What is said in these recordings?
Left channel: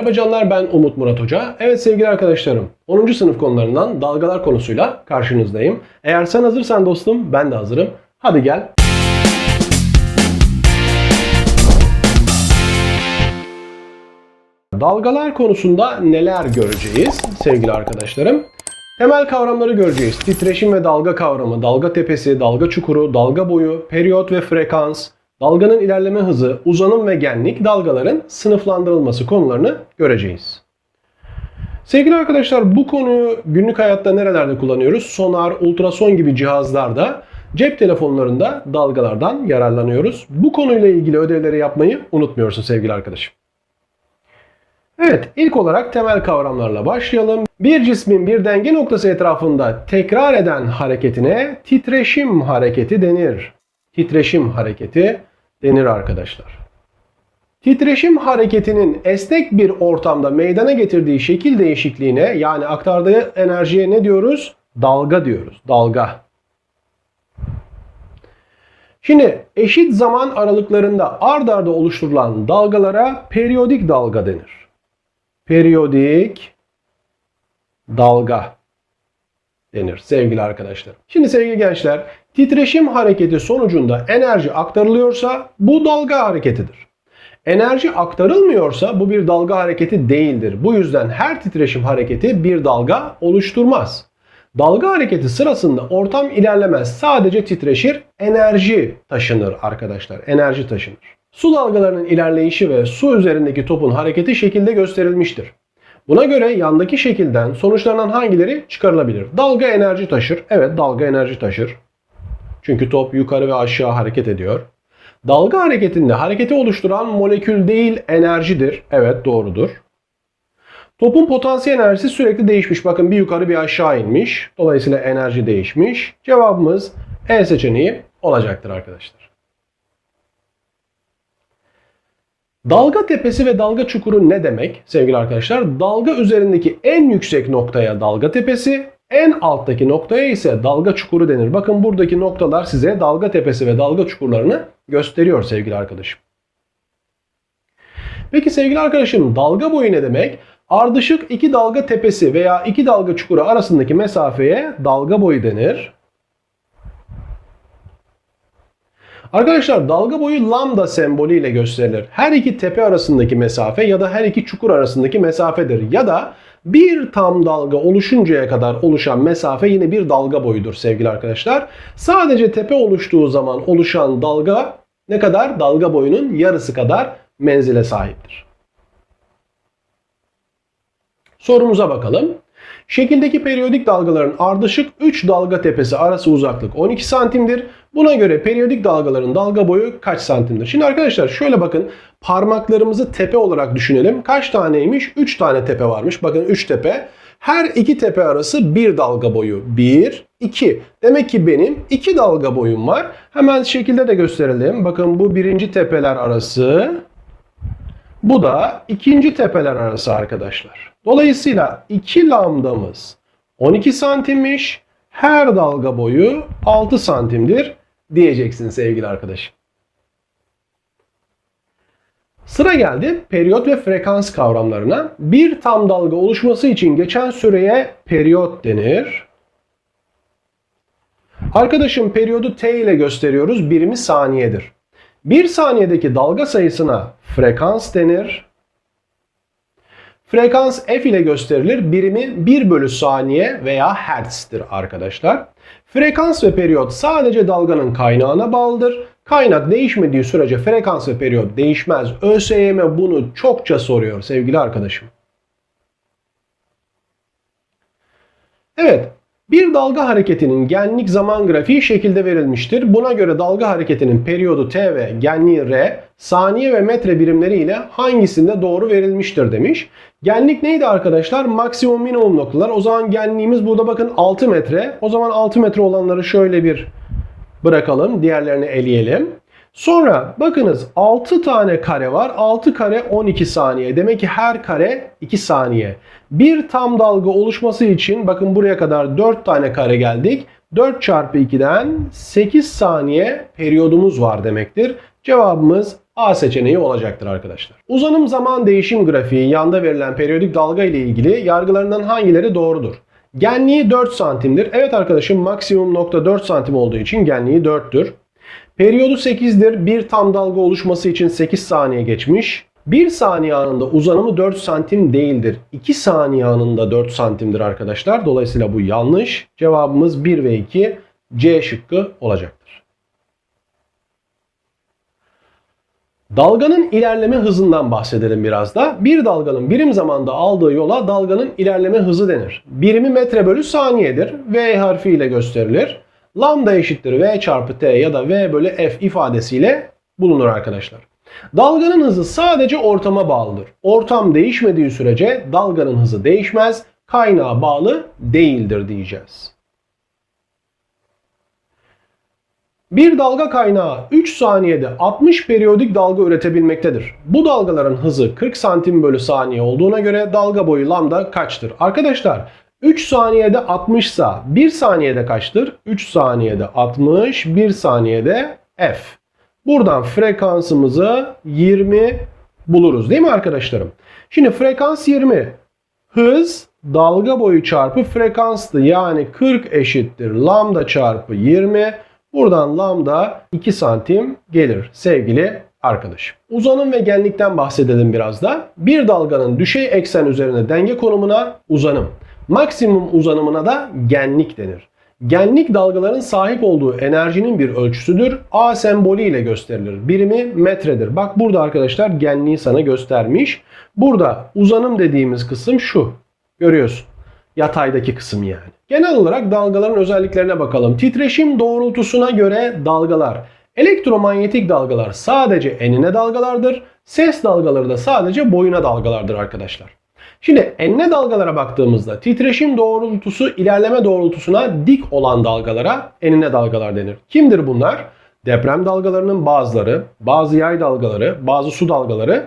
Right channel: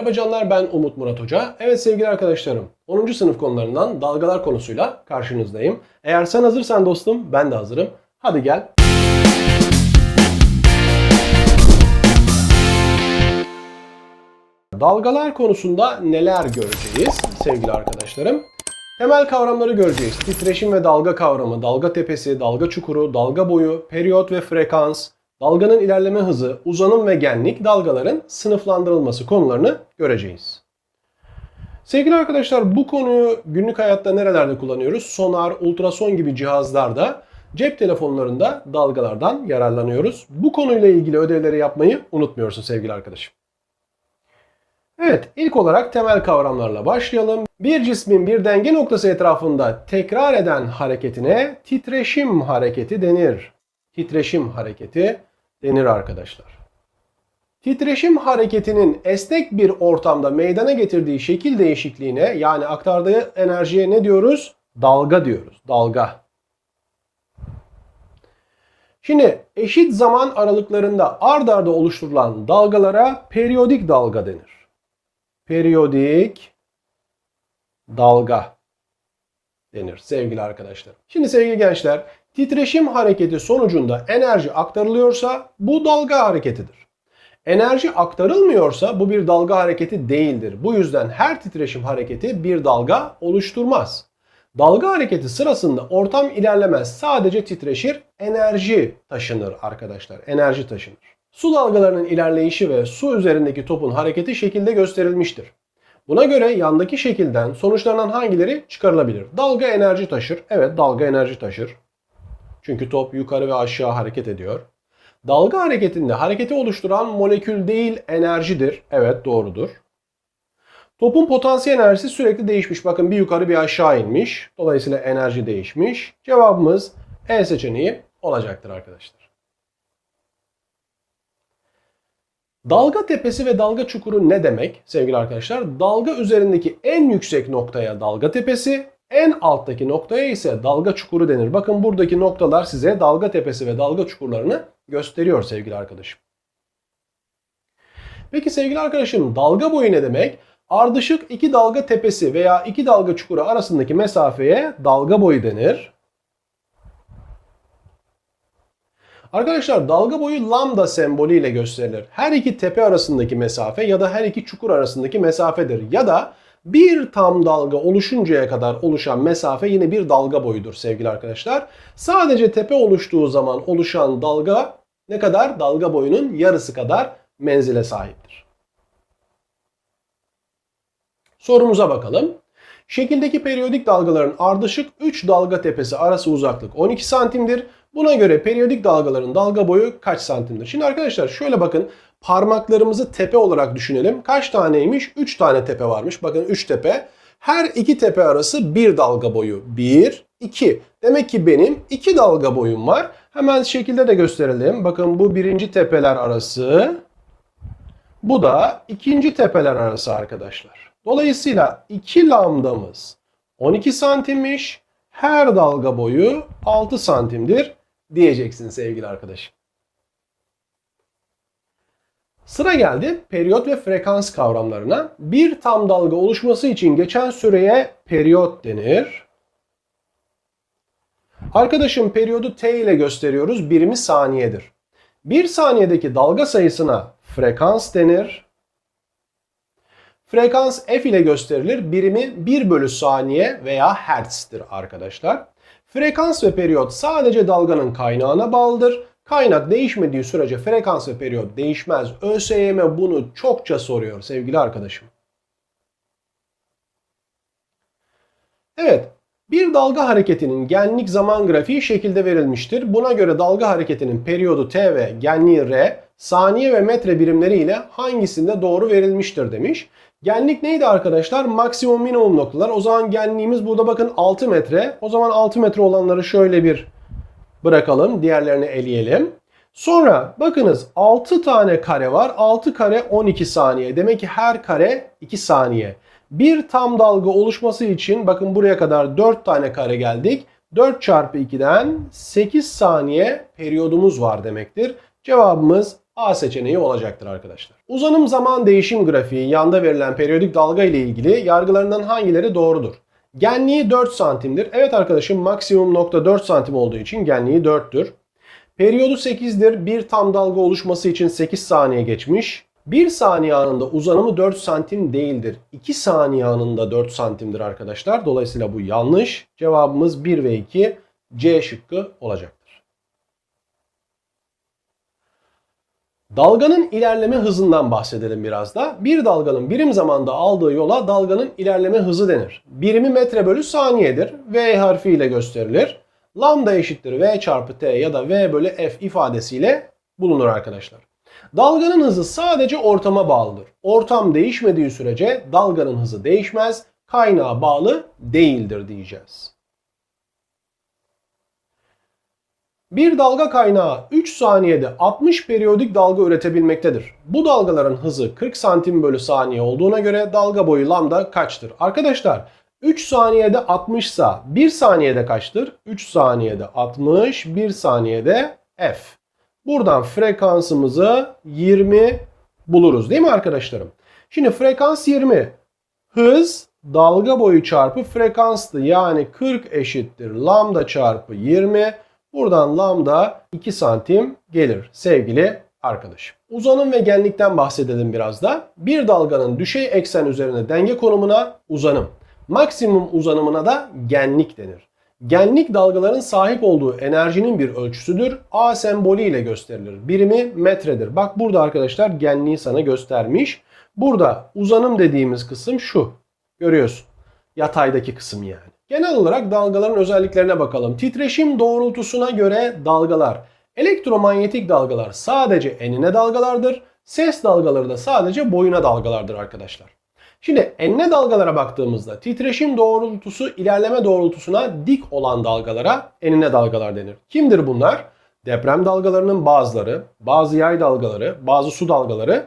Merhaba canlar ben Umut Murat Hoca. Evet sevgili arkadaşlarım 10. sınıf konularından dalgalar konusuyla karşınızdayım. Eğer sen hazırsan dostum ben de hazırım. Hadi gel. Dalgalar konusunda neler göreceğiz sevgili arkadaşlarım? Temel kavramları göreceğiz. Titreşim ve dalga kavramı, dalga tepesi, dalga çukuru, dalga boyu, periyot ve frekans, dalganın ilerleme hızı, uzanım ve genlik, dalgaların sınıflandırılması konularını göreceğiz. Sevgili arkadaşlar bu konuyu günlük hayatta nerelerde kullanıyoruz? Sonar, ultrason gibi cihazlarda, cep telefonlarında dalgalardan yararlanıyoruz. Bu konuyla ilgili ödevleri yapmayı unutmuyorsun sevgili arkadaşım. Evet, ilk olarak temel kavramlarla başlayalım. Bir cismin bir denge noktası etrafında tekrar eden hareketine titreşim hareketi denir. Titreşim hareketi denir arkadaşlar. Titreşim hareketinin esnek bir ortamda meydana getirdiği şekil değişikliğine yani aktardığı enerjiye ne diyoruz? Dalga diyoruz. Dalga. Şimdi eşit zaman aralıklarında ard arda oluşturulan dalgalara periyodik dalga denir periyodik dalga denir sevgili arkadaşlar. Şimdi sevgili gençler, titreşim hareketi sonucunda enerji aktarılıyorsa bu dalga hareketidir. Enerji aktarılmıyorsa bu bir dalga hareketi değildir. Bu yüzden her titreşim hareketi bir dalga oluşturmaz. Dalga hareketi sırasında ortam ilerlemez. Sadece titreşir, enerji taşınır arkadaşlar. Enerji taşınır. Su dalgalarının ilerleyişi ve su üzerindeki topun hareketi şekilde gösterilmiştir. Buna göre yandaki şekilden sonuçlanan hangileri çıkarılabilir? Dalga enerji taşır. Evet dalga enerji taşır. Çünkü top yukarı ve aşağı hareket ediyor. Dalga hareketinde hareketi oluşturan molekül değil enerjidir. Evet doğrudur. Topun potansiyel enerjisi sürekli değişmiş. Bakın bir yukarı bir aşağı inmiş. Dolayısıyla enerji değişmiş. Cevabımız E seçeneği olacaktır arkadaşlar. Dalga tepesi ve dalga çukuru ne demek sevgili arkadaşlar? Dalga üzerindeki en yüksek noktaya dalga tepesi, en alttaki noktaya ise dalga çukuru denir. Bakın buradaki noktalar size dalga tepesi ve dalga çukurlarını gösteriyor sevgili arkadaşım. Peki sevgili arkadaşım dalga boyu ne demek? Ardışık iki dalga tepesi veya iki dalga çukuru arasındaki mesafeye dalga boyu denir. Arkadaşlar dalga boyu lambda sembolüyle gösterilir. Her iki tepe arasındaki mesafe ya da her iki çukur arasındaki mesafedir. Ya da bir tam dalga oluşuncaya kadar oluşan mesafe yine bir dalga boyudur sevgili arkadaşlar. Sadece tepe oluştuğu zaman oluşan dalga ne kadar? Dalga boyunun yarısı kadar menzile sahiptir. Sorumuza bakalım. Şekildeki periyodik dalgaların ardışık 3 dalga tepesi arası uzaklık 12 santimdir. Buna göre periyodik dalgaların dalga boyu kaç santimdir? Şimdi arkadaşlar şöyle bakın parmaklarımızı tepe olarak düşünelim. Kaç taneymiş? 3 tane tepe varmış. Bakın 3 tepe. Her iki tepe arası bir dalga boyu. 1, 2. Demek ki benim 2 dalga boyum var. Hemen şekilde de gösterelim. Bakın bu birinci tepeler arası. Bu da ikinci tepeler arası arkadaşlar. Dolayısıyla 2 lambdamız 12 santimmiş. Her dalga boyu 6 santimdir diyeceksin sevgili arkadaşım. Sıra geldi periyot ve frekans kavramlarına. Bir tam dalga oluşması için geçen süreye periyot denir. Arkadaşım periyodu t ile gösteriyoruz. Birimi saniyedir. Bir saniyedeki dalga sayısına frekans denir. Frekans f ile gösterilir. Birimi 1 bölü saniye veya hertz'tir arkadaşlar. Frekans ve periyot sadece dalganın kaynağına bağlıdır. Kaynak değişmediği sürece frekans ve periyot değişmez. ÖSYM bunu çokça soruyor sevgili arkadaşım. Evet, bir dalga hareketinin genlik zaman grafiği şekilde verilmiştir. Buna göre dalga hareketinin periyodu t ve genliği r, saniye ve metre birimleri ile hangisinde doğru verilmiştir demiş. Genlik neydi arkadaşlar? Maksimum minimum noktalar. O zaman genliğimiz burada bakın 6 metre. O zaman 6 metre olanları şöyle bir bırakalım. Diğerlerini eleyelim. Sonra bakınız 6 tane kare var. 6 kare 12 saniye. Demek ki her kare 2 saniye. Bir tam dalga oluşması için bakın buraya kadar 4 tane kare geldik. 4 çarpı 2'den 8 saniye periyodumuz var demektir. Cevabımız A seçeneği olacaktır arkadaşlar. Uzanım zaman değişim grafiği yanda verilen periyodik dalga ile ilgili yargılarından hangileri doğrudur? Genliği 4 santimdir. Evet arkadaşım maksimum nokta 4 santim olduğu için genliği 4'tür. Periyodu 8'dir. Bir tam dalga oluşması için 8 saniye geçmiş. 1 saniye anında uzanımı 4 santim değildir. 2 saniye anında 4 santimdir arkadaşlar. Dolayısıyla bu yanlış. Cevabımız 1 ve 2 C şıkkı olacaktır. Dalganın ilerleme hızından bahsedelim biraz da. Bir dalganın birim zamanda aldığı yola dalganın ilerleme hızı denir. Birimi metre bölü saniyedir. V harfiyle gösterilir. Lambda eşittir V çarpı T ya da V bölü F ifadesiyle bulunur arkadaşlar. Dalganın hızı sadece ortama bağlıdır. Ortam değişmediği sürece dalganın hızı değişmez, kaynağa bağlı değildir diyeceğiz. Bir dalga kaynağı 3 saniyede 60 periyodik dalga üretebilmektedir. Bu dalgaların hızı 40 santim bölü saniye olduğuna göre dalga boyu lambda kaçtır? Arkadaşlar 3 saniyede 60 ise 1 saniyede kaçtır? 3 saniyede 60, 1 saniyede f. Buradan frekansımızı 20 buluruz değil mi arkadaşlarım? Şimdi frekans 20. Hız dalga boyu çarpı frekanstı. Yani 40 eşittir lambda çarpı 20. Buradan lambda 2 santim gelir sevgili arkadaşım. Uzanım ve genlikten bahsedelim biraz da. Bir dalganın düşey eksen üzerine denge konumuna uzanım. Maksimum uzanımına da genlik denir. Genlik dalgaların sahip olduğu enerjinin bir ölçüsüdür. A sembolü ile gösterilir. Birimi metredir. Bak burada arkadaşlar genliği sana göstermiş. Burada uzanım dediğimiz kısım şu. Görüyorsun. Yataydaki kısım yani. Genel olarak dalgaların özelliklerine bakalım. Titreşim doğrultusuna göre dalgalar. Elektromanyetik dalgalar sadece enine dalgalardır. Ses dalgaları da sadece boyuna dalgalardır arkadaşlar. Şimdi enine dalgalara baktığımızda titreşim doğrultusu ilerleme doğrultusuna dik olan dalgalara enine dalgalar denir. Kimdir bunlar? Deprem dalgalarının bazıları, bazı yay dalgaları, bazı su dalgaları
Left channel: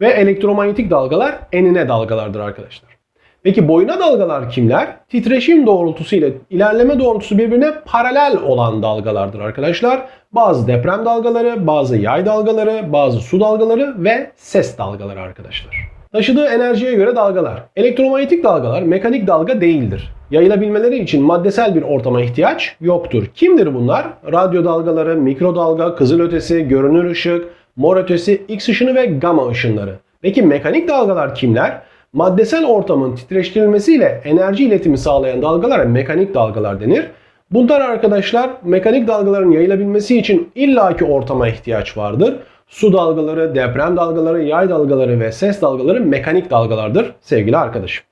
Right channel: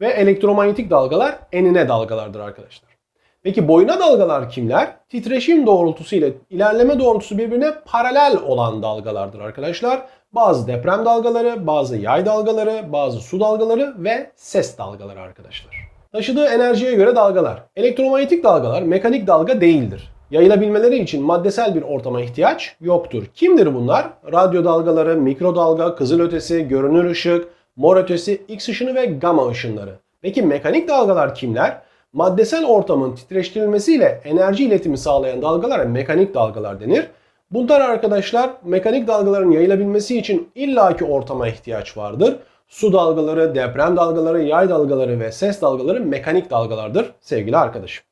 ve elektromanyetik dalgalar enine dalgalardır arkadaşlar. Peki boyuna dalgalar kimler? Titreşim doğrultusu ile ilerleme doğrultusu birbirine paralel olan dalgalardır arkadaşlar. Bazı deprem dalgaları, bazı yay dalgaları, bazı su dalgaları ve ses dalgaları arkadaşlar. Taşıdığı enerjiye göre dalgalar. Elektromanyetik dalgalar mekanik dalga değildir. Yayılabilmeleri için maddesel bir ortama ihtiyaç yoktur. Kimdir bunlar? Radyo dalgaları, mikrodalga, kızılötesi, görünür ışık, mor ötesi, X ışını ve gamma ışınları. Peki mekanik dalgalar kimler? Maddesel ortamın titreştirilmesiyle enerji iletimi sağlayan dalgalara mekanik dalgalar denir. Bunlar arkadaşlar mekanik dalgaların yayılabilmesi için illaki ortama ihtiyaç vardır. Su dalgaları, deprem dalgaları, yay dalgaları ve ses dalgaları mekanik dalgalardır sevgili arkadaşım.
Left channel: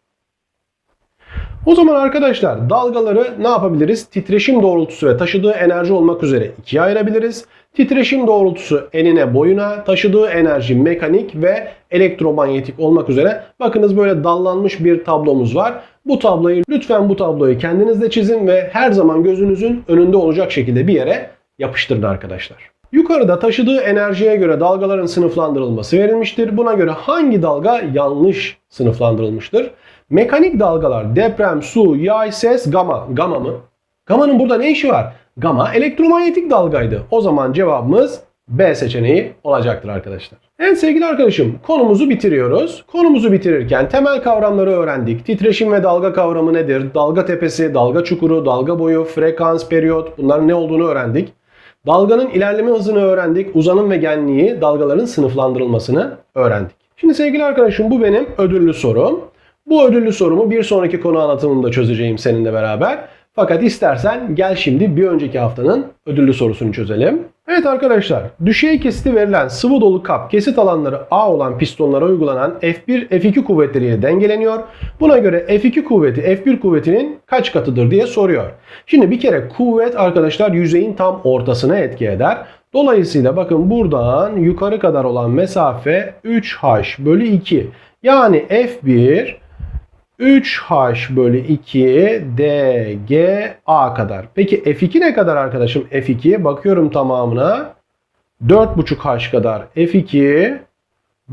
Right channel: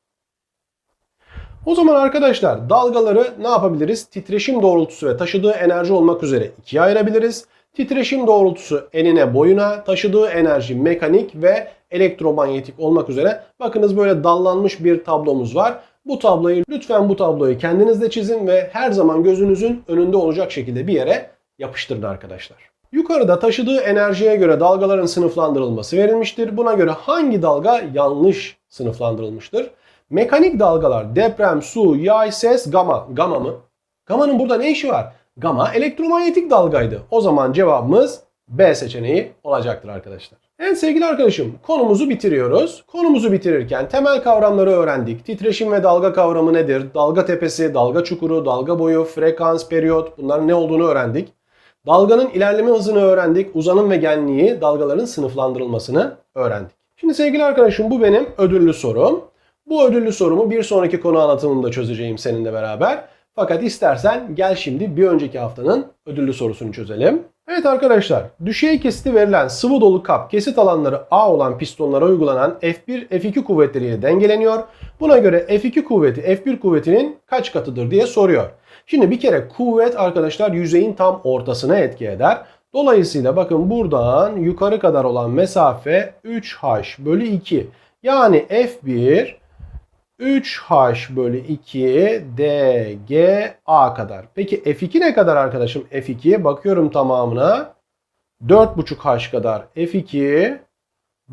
O zaman arkadaşlar dalgaları ne yapabiliriz? Titreşim doğrultusu ve taşıdığı enerji olmak üzere ikiye ayırabiliriz. Titreşim doğrultusu enine boyuna, taşıdığı enerji mekanik ve elektromanyetik olmak üzere. Bakınız böyle dallanmış bir tablomuz var. Bu tabloyu lütfen bu tabloyu kendiniz de çizin ve her zaman gözünüzün önünde olacak şekilde bir yere yapıştırın arkadaşlar. Yukarıda taşıdığı enerjiye göre dalgaların sınıflandırılması verilmiştir. Buna göre hangi dalga yanlış sınıflandırılmıştır? Mekanik dalgalar deprem, su, yay, ses, gama. Gama mı? Gama'nın burada ne işi var? Gama elektromanyetik dalgaydı. O zaman cevabımız B seçeneği olacaktır arkadaşlar. Evet sevgili arkadaşım konumuzu bitiriyoruz. Konumuzu bitirirken temel kavramları öğrendik. Titreşim ve dalga kavramı nedir? Dalga tepesi, dalga çukuru, dalga boyu, frekans, periyot bunların ne olduğunu öğrendik. Dalganın ilerleme hızını öğrendik. Uzanım ve genliği, dalgaların sınıflandırılmasını öğrendik. Şimdi sevgili arkadaşım bu benim ödüllü sorum. Bu ödüllü sorumu bir sonraki konu anlatımında çözeceğim seninle beraber. Fakat istersen gel şimdi bir önceki haftanın ödüllü sorusunu çözelim. Evet arkadaşlar, düşey kesiti verilen sıvı dolu kap kesit alanları A olan pistonlara uygulanan F1, F2 kuvvetleriyle dengeleniyor. Buna göre F2 kuvveti F1 kuvvetinin kaç katıdır diye soruyor. Şimdi bir kere kuvvet arkadaşlar yüzeyin tam ortasına etki eder. Dolayısıyla bakın buradan yukarı kadar olan mesafe 3h bölü 2. Yani F1 3h bölü 2 dga kadar. Peki F2 ne kadar arkadaşım? F2'ye bakıyorum tamamına. 4,5h kadar F2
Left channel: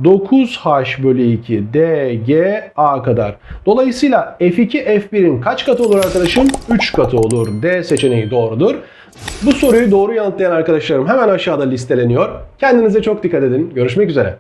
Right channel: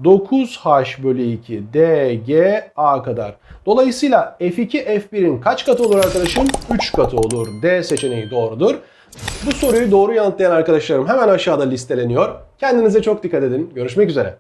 9h bölü 2 DGA kadar. Dolayısıyla F2 F1'in kaç katı olur arkadaşım? 3 katı olur. D seçeneği doğrudur. Bu soruyu doğru yanıtlayan arkadaşlarım hemen aşağıda listeleniyor. Kendinize çok dikkat edin. Görüşmek üzere.